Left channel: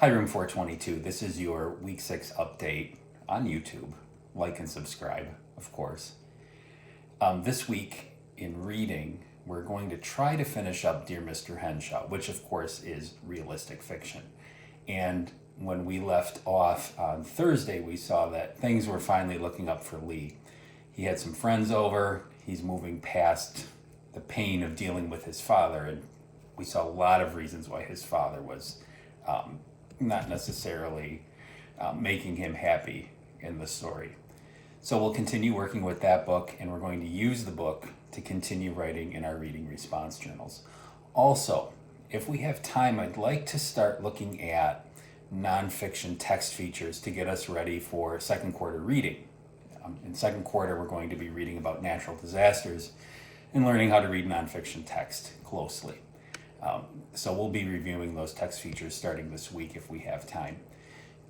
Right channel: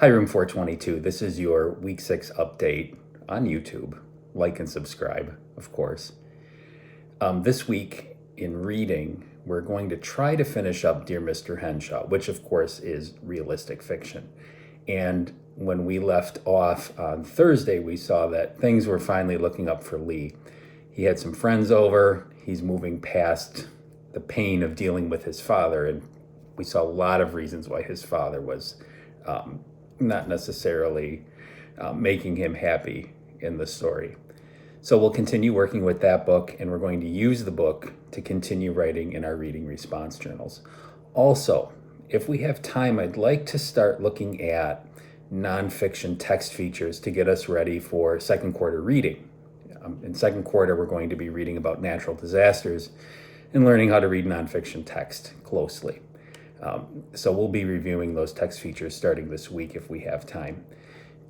Hi, Room 422. This is your Week 6 update on YouTube. Like and subscribe, of course. This week in reading, we're going to try to finish up Dear Mr. Henshaw, which of course is realistic fiction. And when we left off on Thursday, we saw that things were finally looking up for Leigh. He had some friends over. He's moving past the pain of dealing with his father. And we saw a lot of reasons why his father was not necessarily making him happy in the story. So we'll continue working with that book, and we're going to use the book to continue writing in our reading response journals. Also, if we have time, I'd like to start looking at nonfiction text features to get us ready for second quarter reading. In second quarter, we're going to be reading about natural disasters and learning how to read nonfiction text closely. So we'll be reviewing those text features starting this week if we have time.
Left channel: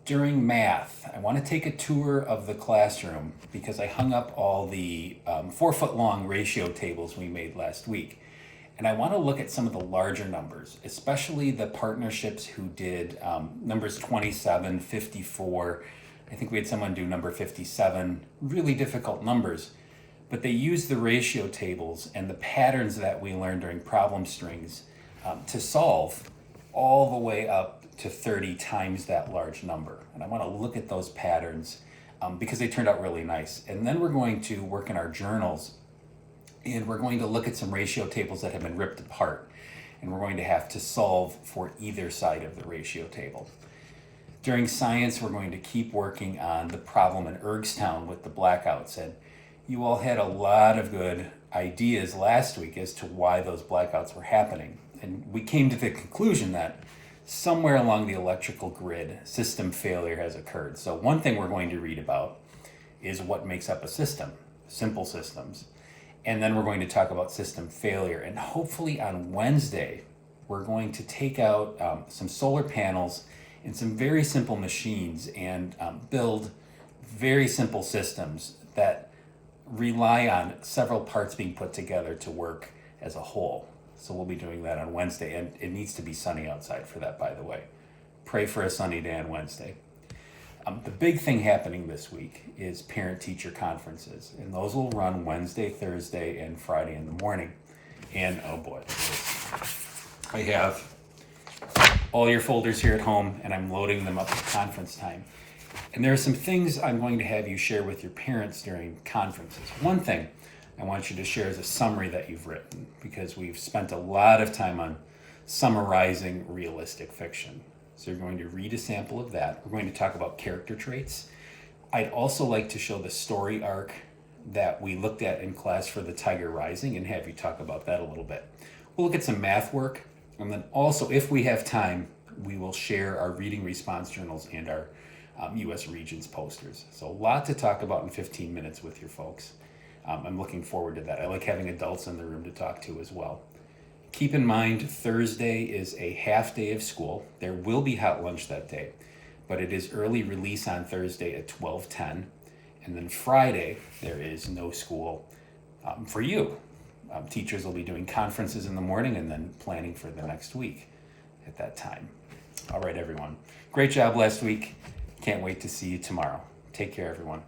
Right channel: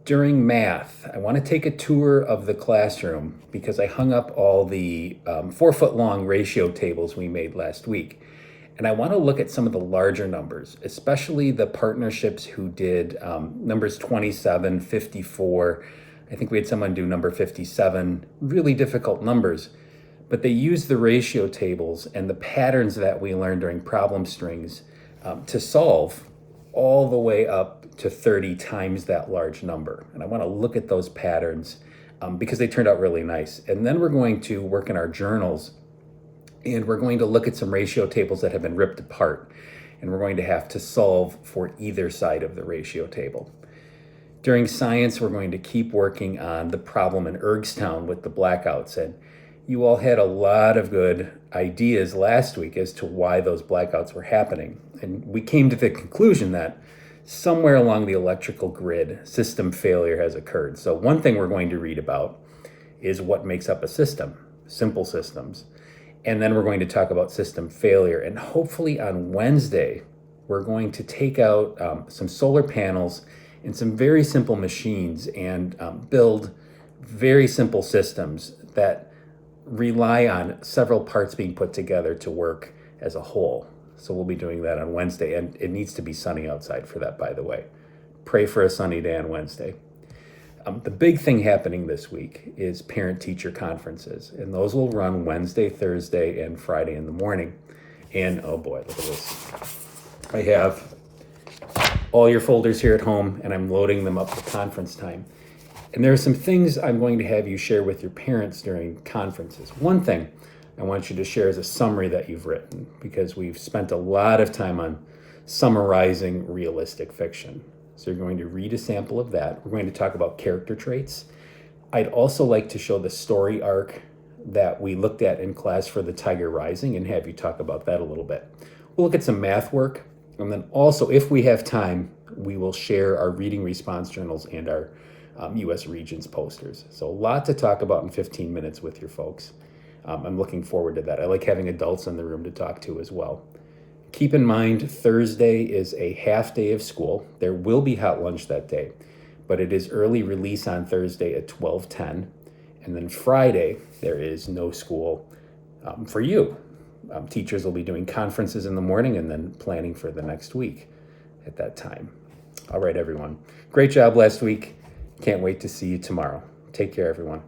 During math, I want to take a tour of the classroom because I hung up all the 4-foot-long ratio tables we made last week. And I want to look at some of the larger numbers, especially the partnerships who did numbers 27, 54. I think we had someone do number 57, really difficult numbers. But they used the ratio tables and the patterns that we learned during problem strings to solve all the way up to 30 times that large number. And I want to look at those patterns because they turned out really nice. And then we're going to work in our journals, and we're going to look at some ratio tables that have been ripped apart. And we're going to have to solve for either side of the ratio table. During science, we're going to keep working on the problem in Ergstown with the blackouts. And you all had a lot of good ideas last week as to why those blackouts were happening. And we came to the conclusion that somewhere along the electrical grid, system failure has occurred. So one thing we're going to read about is what makes up a system, simple systems. And then we're going to talk about system failure. And hopefully on Wednesday, we're going to take out some solar panels and some very simple machines and build very simple systems that rely on several parts being put together to work as a whole. So we'll be doing that on Wednesday, and it needs to be sunny outside for that, by the way. Pray for a sunny day on Wednesday. The big thing happening this week is parent-teacher conferences, and those will run Wednesday, Thursday, and Friday in the morning. And oh boy, look at this. I have all your folders here at home, and I'm loading them up for conference time. And there are some things I'm going to have you share with your parents during conferences. One thing I want you to share is a summary that you've written, because we've spent a lot of time on summarizing realistic fiction. So you're going to read a sample of that. We're going to talk about character traits. I'd also like to show the story arc that we looked at in class for The Tiger Rising and have you talk about that a little bit. We'll look at some math work, and then also, if we have time, we will share our reading response journals and our U.S. Regions posters. So a lot to talk about in 15 minutes with your folks. I'm looking forward to that. I like having adults in the room to talk to as well. Keep in mind, Thursday is a half day of school. There will be hot lunch that day, but it is early release on Thursday at 12:10. And then Friday, there is no school for you. Teachers will be doing conferences in the morning and then planning for the next week at that time. All right, everyone. Great job last week. Can't wait to see you tomorrow. Take care, everyone.